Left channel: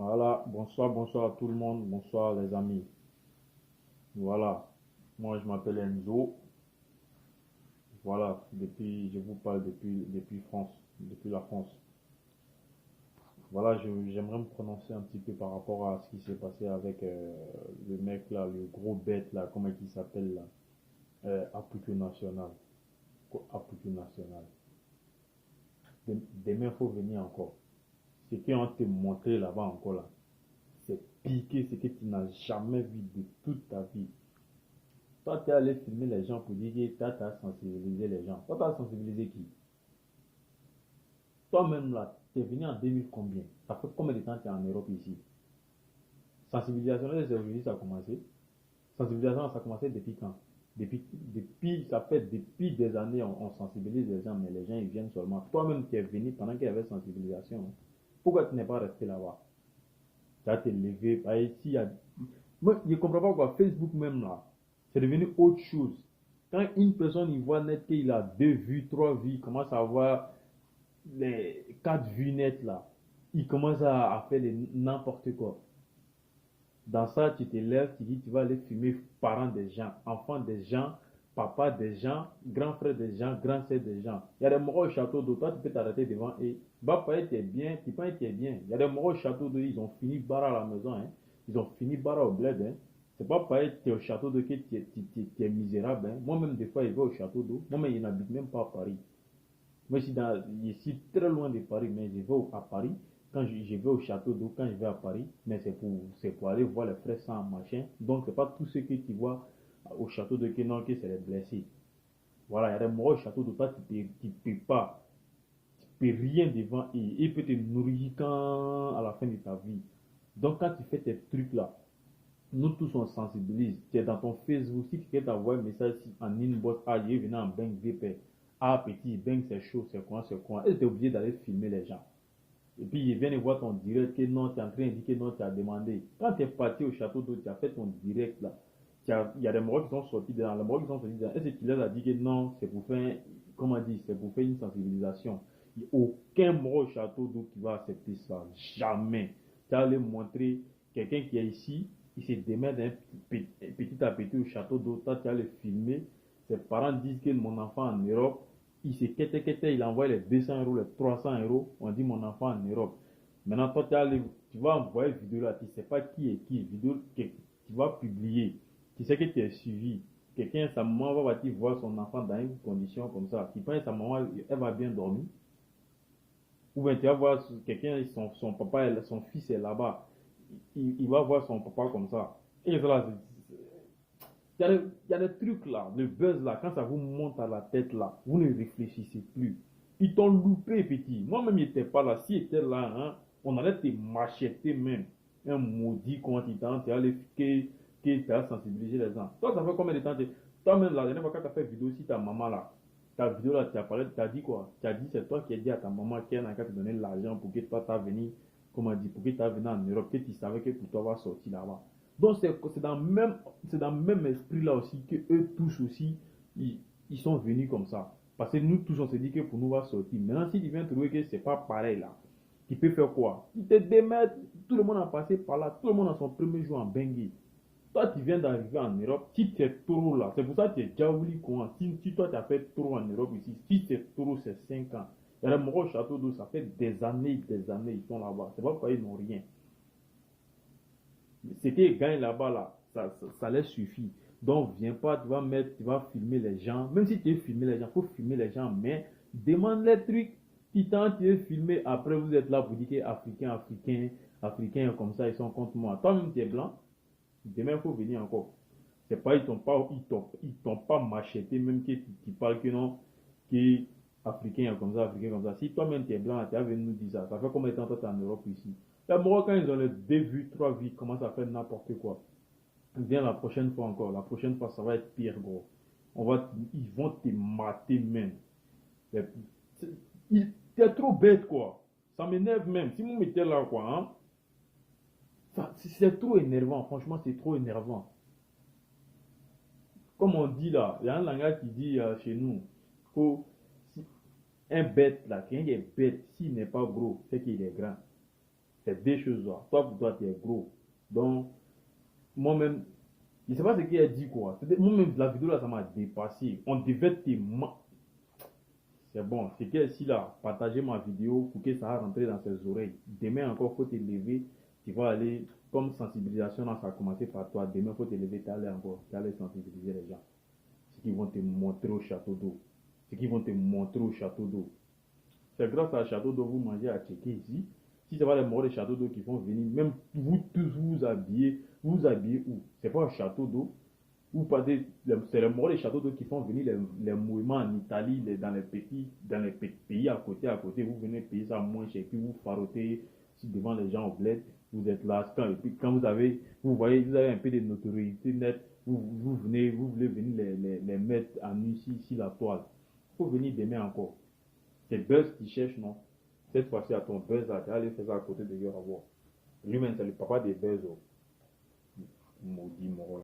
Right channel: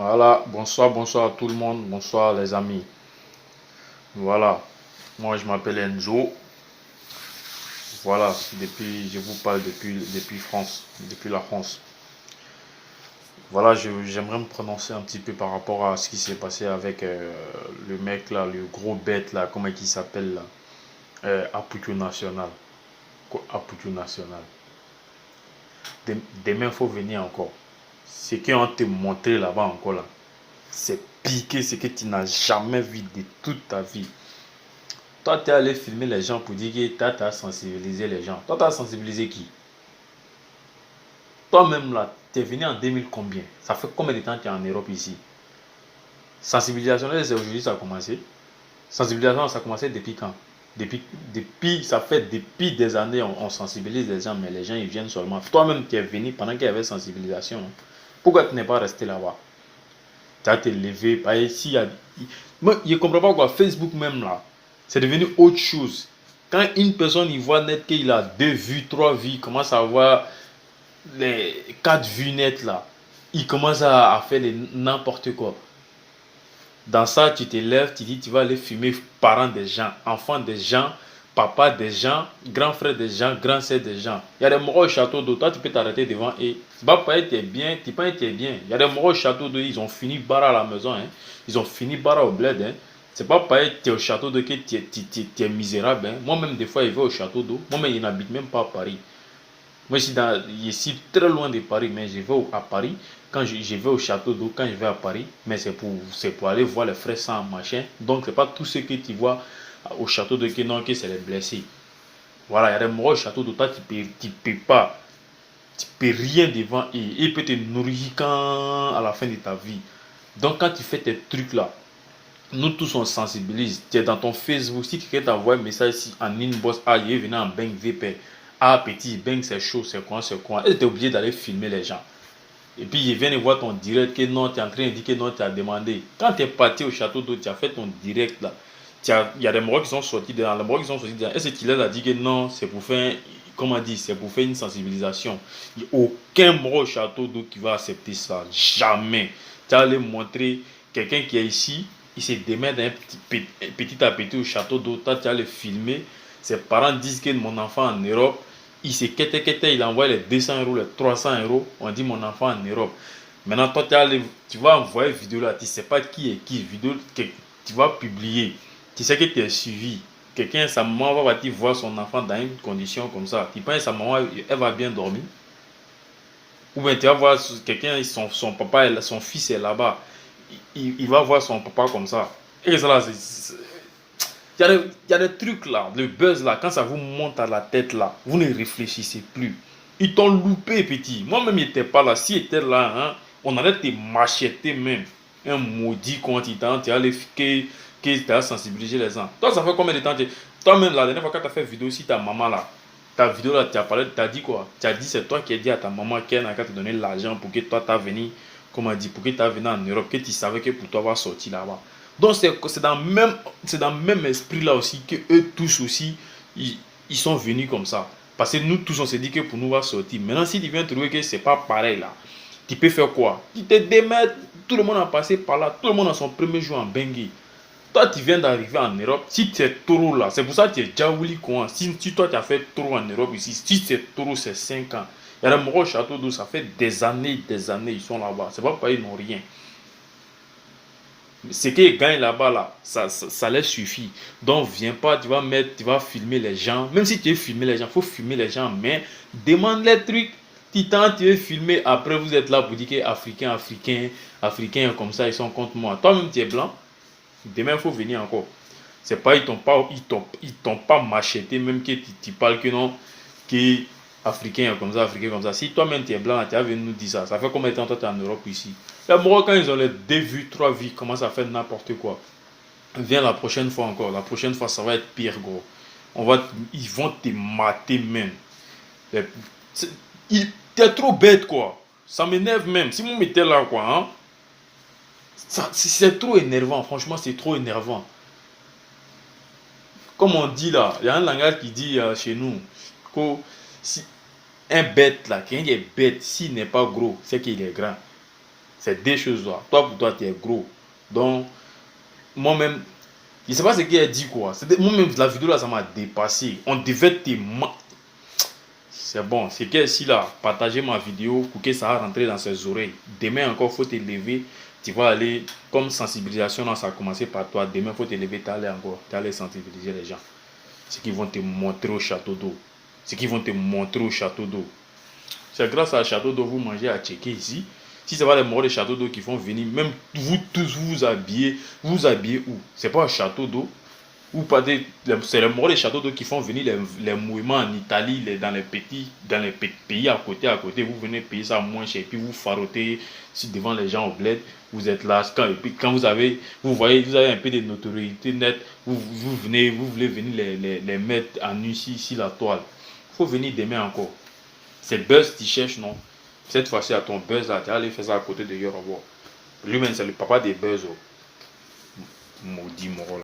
Voilà, bonsoir, bonsoir à tout le monde, bonsoir les amis. Voilà, moi je m'appelle Enzo. Voilà, je vous parle depuis France, depuis la France. Voilà, j'aimerais me prononcer un petit peu par rapport à ce qui s'est passé avec le mec là, le gros bête là, comment il s'appelle là, Aputu National. Aputu National. Demain, il faut venir encore. Ce qu'on te montré là-bas encore là, c'est piqué ce que tu n'as jamais vu de toute ta vie. Toi, tu es allé filmer les gens pour dire que tu as sensibilisé les gens. Toi, tu as sensibilisé qui? Toi-même, là, tu es venu en 2000 combien? Ça fait combien de temps que tu es en Europe ici? Sensibilisation, c'est aujourd'hui ça a commencé. Sensibilisation, ça a commencé depuis quand? Ça fait depuis des années, on sensibilise les gens, mais les gens, ils viennent seulement. Toi-même, tu es venu pendant qu'il y avait sensibilisation. Hein. Pourquoi tu n'es pas resté là-bas? Tu as te levé. Ici, moi, je ne comprends pas quoi. Facebook même là, c'est devenu autre chose. Quand une personne y voit net qu'il a 2 vues, 3 vues, il commence à avoir les 4 vues net là, il commence à faire n'importe quoi. Dans ça, tu te lèves, tu dis tu vas aller filmer parents des gens, enfants des gens, papa des gens, grand frère des gens, grand sœur des gens. Il y a des morts au château d'eau, toi tu peux t'arrêter devant et tu vas pas être bien, tu pas être bien. Il y a des morts au château d'eau, ils ont fini barre à la maison, hein. Ils ont fini barre au bled. Hein. C'est pas pareil, tu es au château d'eau que tu es misérable. Hein. Moi-même, des fois, je vais au château d'eau. Moi-même, je n'habite même pas à Paris. Moi, je suis très loin de Paris, mais je vais à Paris. Quand je vais au château d'eau, quand je vais à Paris, mais c'est pour aller voir les frères sans machin. Donc, c'est pas tout ce que tu vois au château d'eau que c'est les blessés. Voilà, il y a des morts au château d'eau, toi, tu peux pas, tu peux rien devant et il peut te nourrir quand à la fin de ta vie. Donc, quand tu fais tes trucs là, nous tous on sensibilise. Tu es dans ton Facebook, si quelqu'un t'envoie un message en inbox, ah, il est venu en Bang VP. Ah, petit, Bang, c'est chaud, c'est quoi, c'est quoi. Et tu es obligé d'aller filmer les gens. Et puis, ils viennent voir ton direct que non, tu es en train de dire que non, tu as demandé. Quand tu es parti au château d'eau, tu as fait ton direct là. Il y a des morts qui sont sortis dedans. Les morts qui sont sortis dedans. Est-ce qu'il a dit que non, c'est pour faire, comment dire, c'est pour faire une sensibilisation. Il n'y a aucun mort au château d'eau qui va accepter ça. Jamais. Tu as allé montrer quelqu'un qui est ici, il se démène petit à petit au château d'eau. Tu as le filmer. Ses parents disent que mon enfant en Europe, il se quête, il envoie les 200 euros, les 300 euros. On dit mon enfant en Europe. Maintenant, toi, tu vas envoyer une vidéo là, tu ne sais pas qui est qui. Vidéo que tu vas publier. Tu sais que tu es suivi. Quelqu'un, sa maman va partir voir son enfant dans une condition comme ça. Tu penses que sa maman, elle va bien dormir? Ou bien tu vas voir quelqu'un, son papa, son fils est là-bas. Il va voir son papa comme ça. Et ça là, il y a des trucs là, le buzz là, quand ça vous monte à la tête là, vous ne réfléchissez plus. Ils t'ont loupé, petit. Moi-même, il n'était pas là. S'il était là, hein, on allait te macheter même. Un maudit continent, tu as tu as sensibilisé les gens. Toi, ça fait combien de temps toi-même, la dernière fois que tu as fait vidéo aussi, ta maman là, ta vidéo là, tu as parlé, tu as dit quoi? Tu as dit, c'est toi qui as dit à ta maman qu'elle n'a qu'à te donner l'argent pour que toi, tu as venu, comment dit, pour que tu as venu en Europe, que tu savais que pour toi, va sortir là-bas. Donc, c'est dans le même esprit là aussi que eux tous aussi, ils sont venus comme ça. Parce que nous tous, on s'est dit que pour nous, on va sortir. Maintenant, si tu viens trouver que c'est pas pareil là, tu peux faire quoi? Tu te démets, tout le monde a passé par là, tout le monde a son premier jour en Bangui. Toi, tu viens d'arriver en Europe, si tu es trop là, c'est pour ça que tu es Djaouli quoi. Si toi, tu as fait trop en Europe ici, si c'est trop, c'est 5 ans. Il y a des morts au château d'eau, ça fait des années, ils sont là-bas. C'est pas ils n'ont rien. Ce qu'ils gagnent là-bas, là, ça leur suffit. Donc, viens pas, tu vas filmer les gens. Même si tu veux filmer les gens, il faut filmer les gens, mais demande les trucs. Titan, tu veux filmer, après vous êtes là pour dire que Africains, comme ça, ils sont contre moi. Toi-même, tu es blanc. Demain, il faut venir encore. C'est pas, ils t'ont pas macheté, même que tu parles que non, que Africain comme ça. Si toi-même tu es blanc, tu as venu nous dire ça. Ça fait combien de temps toi tu es en Europe ici? Les Marocains, ils ont les 2 vues, 3 vues, commencent à faire n'importe quoi. Viens la prochaine fois encore. La prochaine fois, ça va être pire, gros. Ils vont te mater même. T'es trop bête, quoi. Ça m'énerve même. Si vous mettez là, quoi, hein, c'est trop énervant. Franchement, c'est trop énervant. Comme on dit là, il y a un langage qui dit chez nous que si un bête là, quelqu'un qui est bête, s'il n'est pas gros, c'est qu'il est grand. C'est deux choses là. Toi, pour toi, tu es gros. Donc, moi-même, je ne sais pas ce qu'il a dit quoi. Moi-même, la vidéo là, ça m'a dépassé. On devait te... C'est bon. C'est que si là, partagez ma vidéo pour que ça rentre dans ses oreilles. Demain encore, il faut te lever. Tu vas aller, comme sensibilisation, là, ça a commencé par toi. Demain, il faut te lever, tu aller encore. Tu aller sensibiliser les gens. Ce qu'ils vont te montrer au château d'eau. Ce qu'ils vont te montrer au château d'eau. C'est grâce à château d'eau vous mangez à checker ici. Si c'est pas les morts de château d'eau qui font venir, même vous tous vous habillez où? C'est pas un château d'eau. Ou pas c'est les morts des châteaux d'eau qui font venir les mouvements en Italie, dans les pays à côté. Vous venez payer ça moins cher, et puis vous farottez devant les gens au bled. Vous êtes là, et puis quand vous avez un peu de notoriété nette, vous voulez venir les mettre en nu ici la toile. Il faut venir demain encore. C'est Buzz qui cherche, non? Cette fois-ci, à ton Buzz là, tu vas aller faire ça à côté de Yorobo. Lui-même, c'est le papa des Buzz. Maudit Moro.